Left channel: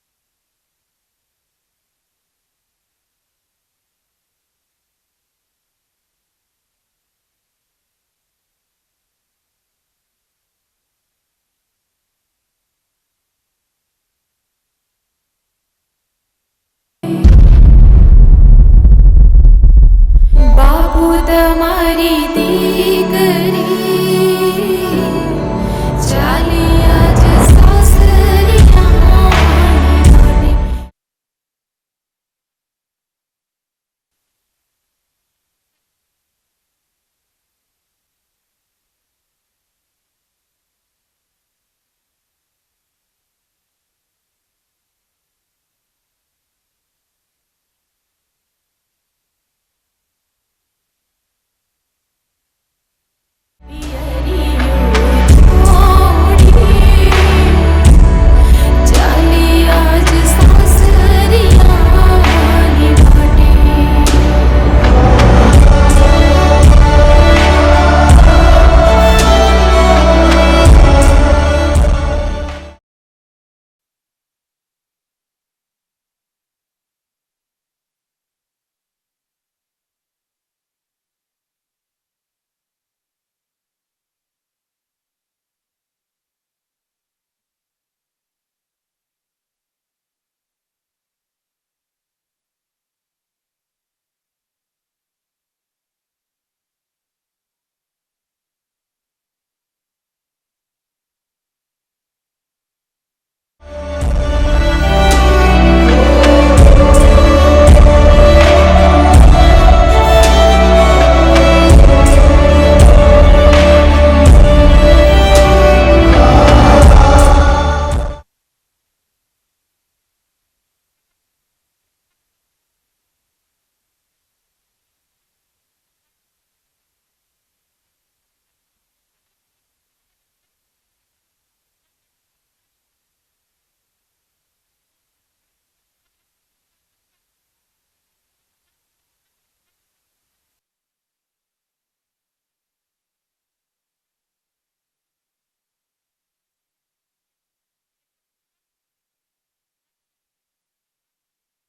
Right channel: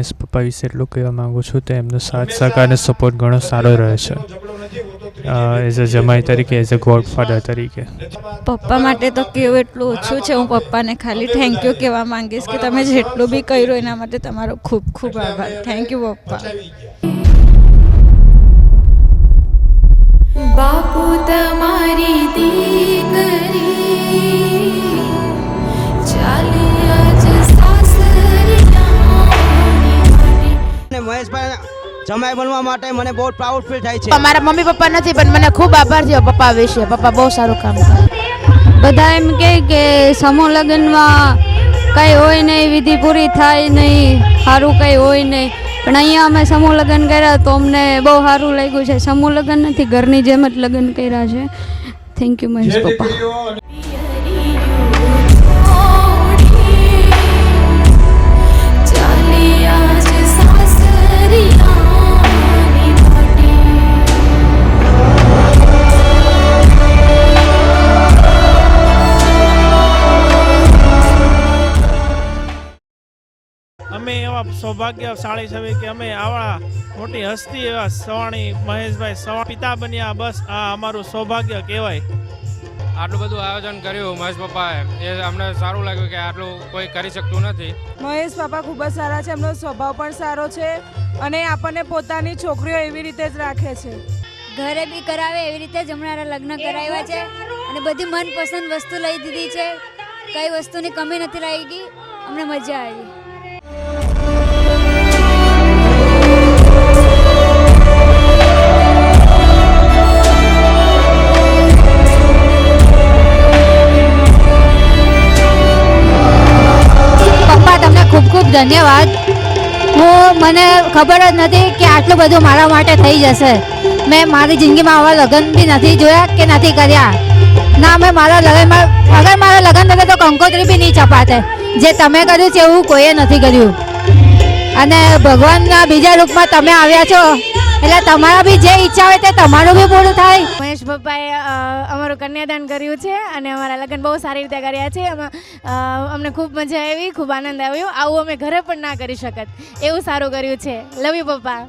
મહેશ પપ્પા વિશે એટલું કહેવા માગું છું તો એમનો સાથ સહકાર અને સપોર્ટ ઘણો સારો રહે છે એઝ અ જમાઈ તરીકે, એઝ અ ગોડફાધર તરીકે. પપ્પા માટે તો કેવું એટલું ઓછું છે. હું પપ્પાને ખાલી થેન્ક યુ કહેવા માંગીશ કે તમે જેટલું બી કર્યું એના માટે તમારો ખૂબ ખૂબ આભાર. થેન્ક યુ પપ્પા. બાપુ તમારી દીકરી ચાલી આજ સાસરિયાની માટી. મહેશભાઈ જમાઈ બનવા માટે મને બહુ પ્રાઉડ ફીલ થાય છે. મારા મમ્મી પપ્પા નથી પણ મને ખૂબ આભાર થયો પપ્પા વિશે. પપ્પા બહુ સારું કામ કરે. બધા એમ કહે કે સમૂહ લગ્નમાં કંઈ હોય નહીં, વિધિ પૂરી થાય નહીં, સારું કંઈ હોય નહીં, પણ અહીંયા અમે સમૂહ લગ્ન કર્યા તો અમને બહુ સારું લાગ્યું છે. સમૂહ લગ્ન નથી, ઘરની જેમ જ લગ્ન કર્યા છે. થેન્ક યુ મહેશ પપ્પા. ચાલી આજ સાસરિયાની માટી. અમે એવા સૌભાગ્યશાળી છીએ કે અમે આવા મોટી હસ્તી એવા સવાણી મહેશભાઈ સવાણી પિતા બન્યા. બસ આ અમારું સૌભાગ્ય કહેવાય. આટલું બધું આયોજન કર્યું મહેશ પપ્પાએ, એ અમને સારું લાગ્યું કે આટલું કોઈ કરી શકતું નથી. મહેશ પપ્પા ખૂબ જ સારા છે. એમનો સ્વભાવ પણ સારો છે અને આપણને પોતાની છોકરીઓ એવી રીતે જ રાખે છે. ઘરે બી કરાવે એવી રીતે જ હમણાં લગ્ન કરાવ્યા છે અને બધી મનપસંદ વસ્તુ લઈ દીધી છે. કઈ વસ્તુની કમી નથી લાગી. અમને મજા આવી. ધન્યવાદ. મને ખબર જ નથી કે આટલું બધું મારા માટે થઈ જશે. મેં મારી જિંદગીમાં આવા લગ્ન બી નથી જોયા કે નથી કર્યા. ના, મેં મારા લગ્નમાં અગર મારા લગ્ન થતા તો કંકોત્રી બી નહીં છપાતે. જે તમે કર્યું છે એવું કોઈએ નથી કર્યું. અને ભગવાનના બીજા રૂપમાં તમે આવ્યા છો એટલે તમારા બી જે ઈચ્છા હોય તે તમારું બી પૂરું થાય. મહેશ પપ્પાએ અમારું કન્યાદાન કર્યું છે અને અમારા લગ્ન બહુ સારી રીતે કર્યા છે. અમને ખૂબ મજા આવી, ખૂબ આનંદ આવ્યો. આવું અમે ઘરે પણ ના કરી શકત એવું સારું કર્યું છે. લવ યુ પપ્પા.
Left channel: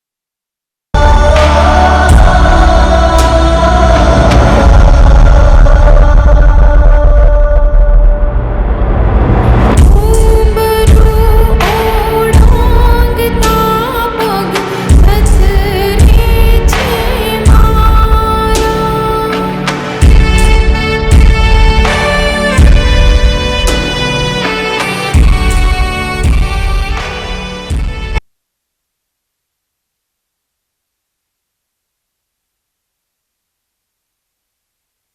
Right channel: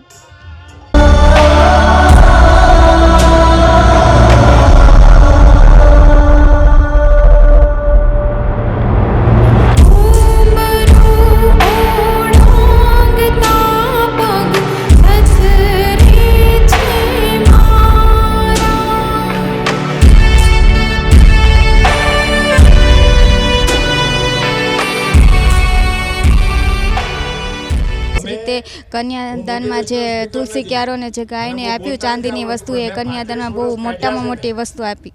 કન્યાદાનમાં જે તુલસી ક્યારોને જે ગાયને આપ્યું ચાંદીની વસ્તુ, એ કન્યાદાનમાં બહુ મોટામાં મોટી વસ્તુ આપી.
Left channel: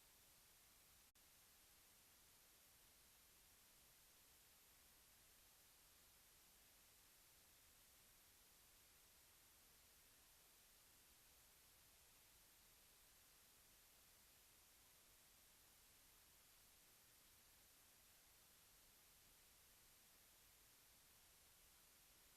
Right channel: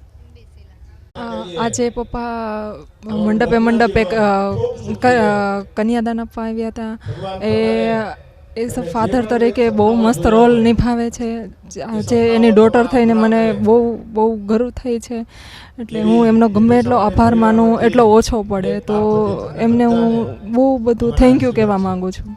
આજે પપ્પા મંડપે કન્યાદાન આપવા આવ્યા હતા. એઝ અ ફાધર તરીકે બહુ મસ્ત રોલ નિભાવે છે. જે એની ડોટર થઈને મને બહુ ગર્વ થઈ છે. એટલે હું એમનો ગમે એટલો આભાર માનું એટલો ઓછો પડે. તો એમને હું બહુ બધું થેન્ક યુ કહેવા માગું છું.